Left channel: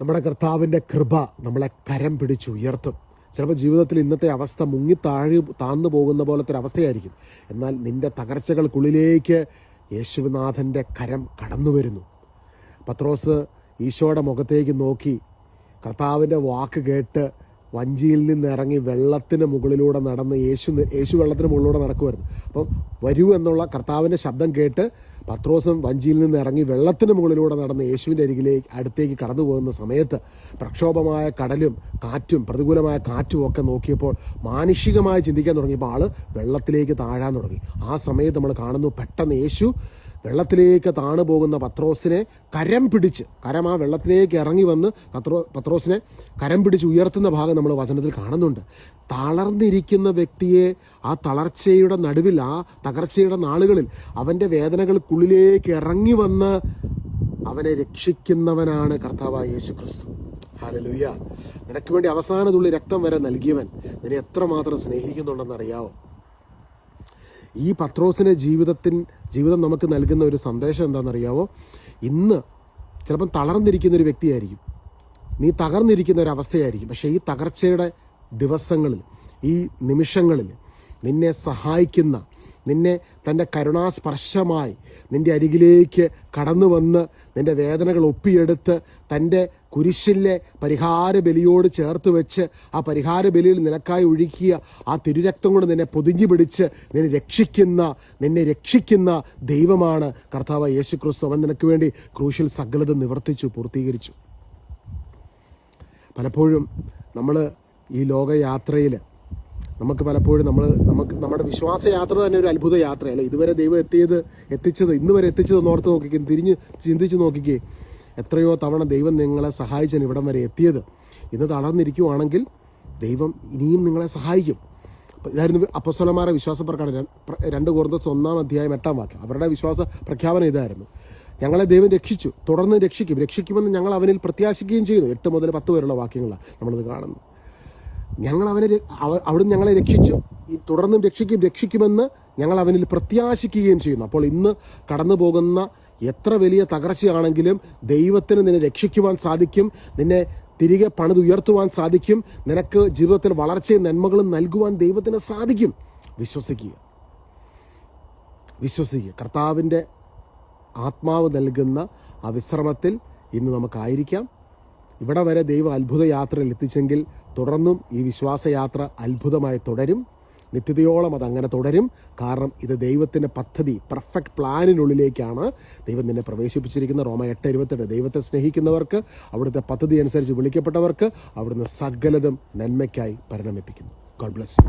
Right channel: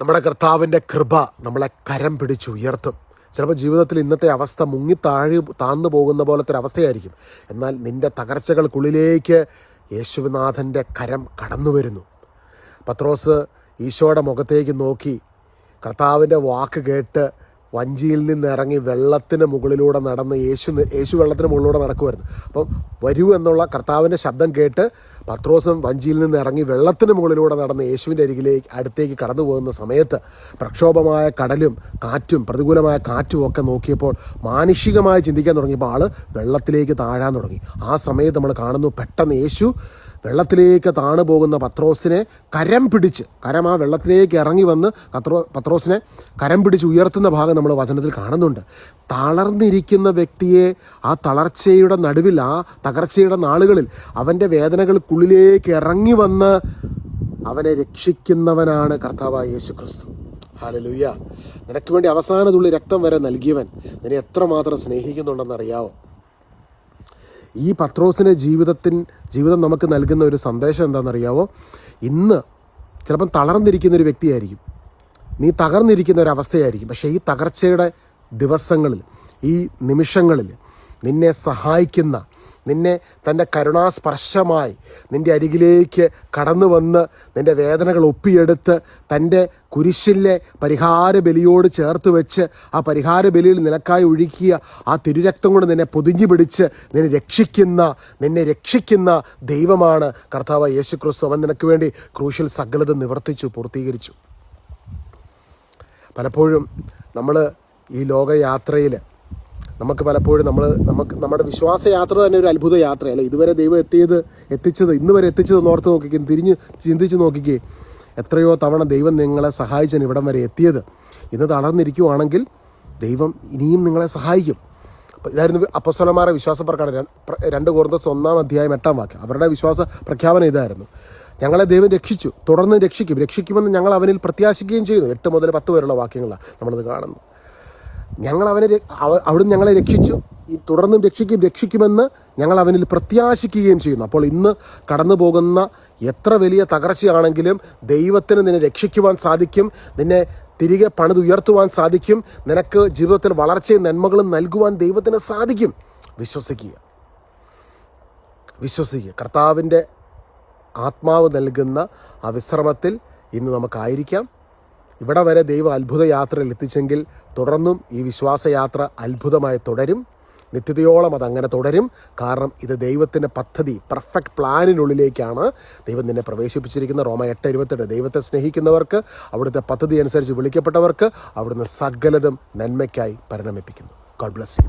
നമ്മുടെ കർത്താവിന്റെ കൃപ നമ്മളെ കരം പിടിച്ച് ഉയർത്തും. ചിലപ്പോൾ ജീവിതത്തിൽ ഇന്നത്തെ അവസ്ഥ മുങ്ങി താഴെ താന്നു പോകുന്ന പോലത്തെ ഒരു അവസ്ഥയായിരിക്കും. എന്നാൽ നിന്റെ തകർച്ചകൾക്കുള്ളിലേക്ക് യേശുനാഥന്റെ കരം കടന്നു വരുന്നു. പത്രോസ് ഈശോയുടെ മുഖത്തേക്ക് നോക്കി കർത്താവിന്റെ വാക്ക് കേട്ട് വഞ്ചിയിൽ നിന്ന് ഇറങ്ങി വെള്ളത്തിന് മുകളിലൂടെ നടന്ന് യേശു യേശു വെള്ളത്തിന് മുകളിലൂടെ നടക്കുമായിരുന്നു. അപ്പം വരൂ എന്നുള്ള കർത്താവിന്റെ ശബ്ദം കേട്ട് പത്രോസം വഞ്ചിയിൽ നിന്ന് ഇറങ്ങി വെള്ളത്തിന് മുകളിലൂടെ നടന്ന് യേശുവിന്റെ അരികിലേക്ക് അടുത്തേക്ക് കടന്നു പോകുന്ന സമയത്ത് പ്രക്ഷോഭമായ കടലും കാറ്റും പ്രതികൂലമായ കാറ്റും ഒക്കെ നോക്കിയപ്പോൾ മാനുഷികമായി ചിന്തിക്കാൻ തുടങ്ങിയപ്പോൾ ആൾ വെള്ളത്തിലേക്ക് താഴാൻ തുടങ്ങി. ആ സമയത്ത് നമ്മൾ കാണുന്നു പെട്ടെന്ന് യേശു വെള്ളത്തിലേക്ക് താണു പോകുന്ന പത്രോസിനെ കരം പിടിച്ച് കരം ആ വെള്ളത്തിലേക്ക് ഇറങ്ങി വന്ന് പത്രോ പത്രോസിനെ കരം പിടിച്ച് ഉയർത്തുന്ന ഭാഗം നമ്മൾ വചനത്തിൽ കാണുന്നുണ്ട്. തളർന്നിരിക്കുന്ന വ്യക്തിയെ ആ തളർച്ചയുടെ നടുവിൽ ആ തകർച്ചയുടെ നാളുകളിൽ അവന്റെ വേദനകൾക്കുള്ളിലേക്ക് ഇറങ്ങി വന്ന് അവനെ രക്ഷിക്കുന്നവനാണ് കർത്താവായ യേശു ക്രിസ്തു ഹാലലുയ്യ നിനക്ക് വേണ്ടി അവസാന തുള്ളി രക്തം വരെ നൽകിയവൻ നിന്നെ എത്രമാത്രം സ്നേഹിക്കുന്നുണ്ടെന്ന് അറിയാവോ? ഈ പത്രോസിന്റെ ജീവിതത്തിൻ ജീവിതം നമുക്ക് നൽകുന്ന ഒരു സന്ദേശം എന്താണെന്നറിയാവോ? ഇന്ന് ചിലപ്പം തളർന്നിരിക്കുന്ന ഒരു വ്യക്തിയായിരിക്കും. നീ തകർന്നിരിക്കുന്ന ഒരു അവസ്ഥയായിരിക്കും. പക്ഷേ ഈ തകർച്ചയുടെ ദിവസങ്ങളിൽ ഈ നിമിഷങ്ങളിൽ നിന്നെ സഹായിക്കുന്ന നിന്നെ തന്റെ കരുണാസ്പർശമായി നിന്റെ അരികിലേക്ക് കടന്നു വന്ന് നിന്റെ വേദനകൾ ഒപ്പിയെടുത്ത് തന്റെ കുരിശിലെ പരിഹാര ബലിയോട് ചേർത്ത് വെച്ച് ആ പരിഹാര ബലിയിൽ നിനക്കായി ഒഴുക്കിയ ആ തിരുരക്തം കൊണ്ട് നിന്നെ പൊതിഞ്ഞു പിടിച്ച് നിന്നെ രക്ഷിക്കുന്ന നിന്നെ രക്ഷിക്കുന്ന ദൈവമാണ് കർത്താവ് യേശു ക്രിസ്തു അവൻ നിനക്ക് വേണ്ടി ക്രൂശിൽ സകലത് നിവർത്തിച്ചു പൂർത്തീകരിച്ചു. പലപ്പോഴും നമ്മൾ ഈ ലോകയാത്രയിൽ നമുക്ക് പലപ്പോഴും നമ്മൾ നമുക്ക് നമ്മുടെ വിശ്വാസയാത്ര തന്നെ ഒരു അത്ഭുത യാത്രയല്ലേ? ഇതുവരെ ദൈവം എത്തിയത് എത്തിച്ചത് ഇന്ന് വരെ എത്തിച്ചത് ഓർത്ത് നോക്കിക്കേ തിരിഞ്ഞ് ചിന്തിച്ച് നോക്കിക്കേ. എത്രയോ തവണ ദൈവം നിങ്ങളെ സഹായിച്ചാണ് ഇവിടം വരെ എത്തിയത്. ഇന്ന് തളർന്നിരിക്കുവാണെങ്കിൽ ദൈവം ഇനിയും നിങ്ങളെ സഹായിക്കും. ഇതായിരുന്നു അപ്പസ്വലന്മാരെ വിശ്വാസ പ്രകടനം രണ്ട് കോർന്നസ് ഒന്നാം അധ്യായം എട്ടാം വാക്യം. അവരുടെ വിശ്വാസ പ്രഖ്യാപനം ഇതായിരുന്നു. ഞങ്ങളെ ദൈവം രക്ഷിച്ചു തുടർന്ന് രക്ഷിക്കും. രക്ഷിക്കുമെന്ന് ഞങ്ങൾ അവനിൽ പ്രത്യാശിക്കുകയും ചെയ്തു. എട്ട് മുതൽ പത്ത് വരെയുള്ള വാക്യങ്ങളാണ് നമ്മളിത് കാണുന്നു ഞങ്ങൾ അവനെ അവിടുന്ന് ഞങ്ങളെ രക്ഷിച്ചു. ഈ തുടർന്നും രക്ഷിക്കും രക്ഷിക്കുമെന്ന് ഞങ്ങൾ അവനിൽ പ്രത്യാശിക്കുകയും ചെയ്യുന്നു. അപ്പോൾ ഇന്ന് കടന്നു പോകുന്ന എത്ര വലിയ തകർച്ചയാണെങ്കിലും ദൈവത്തിന് നിന്നെ രക്ഷിക്കുവാൻ സാധിക്കും. നിന്നെ തിരികെ പണിതുയർത്തുവാൻ സാധിക്കും. നിനക്ക് ജീവിതത്തിൽ വളർച്ചയും നന്മകളും നൽകുവാൻ ദൈവത്തിന് സാധിക്കും. വിശ്വസിക്കുക. വിശ്വസിക്കുക. കർത്താവിന്റെ ആത്മാവ് നൽകുന്ന ആ വിശ്രമത്തിൽ ഇന്ന് നമുക്കായിരിക്കാം. ഇവിടെ വരെ ദൈവം അത്ഭുത യാത്രയിൽ എത്തിച്ചെങ്കിൽ തുടർന്നും ഈ വിശ്വാസയാത്ര അത്ഭുതമായി തുടരും. നിത്യതയോളം അതങ്ങനെ തുടരും. കാരണം ഇത് ദൈവത്തിന്റെ പദ്ധതി പെർഫെക്റ്റ് പ്ലാനിനുള്ളിലേക്കാണ് ദൈവം നിന്നെ പ്രവേശിപ്പിച്ചിരിക്കുന്ന റോമ എട്ട് ഇരുപത്തെട്ട് ദൈവത്തെ സ്നേഹിക്കുന്നവർക്ക് അവിടുത്തെ പദ്ധതി അനുസരിച്ച് വിളിക്കപ്പെട്ടവർക്ക് അവിടുന്ന് സകലതും നന്മയ്ക്കായി പരിണമിപ്പിക്കുന്നു. God bless you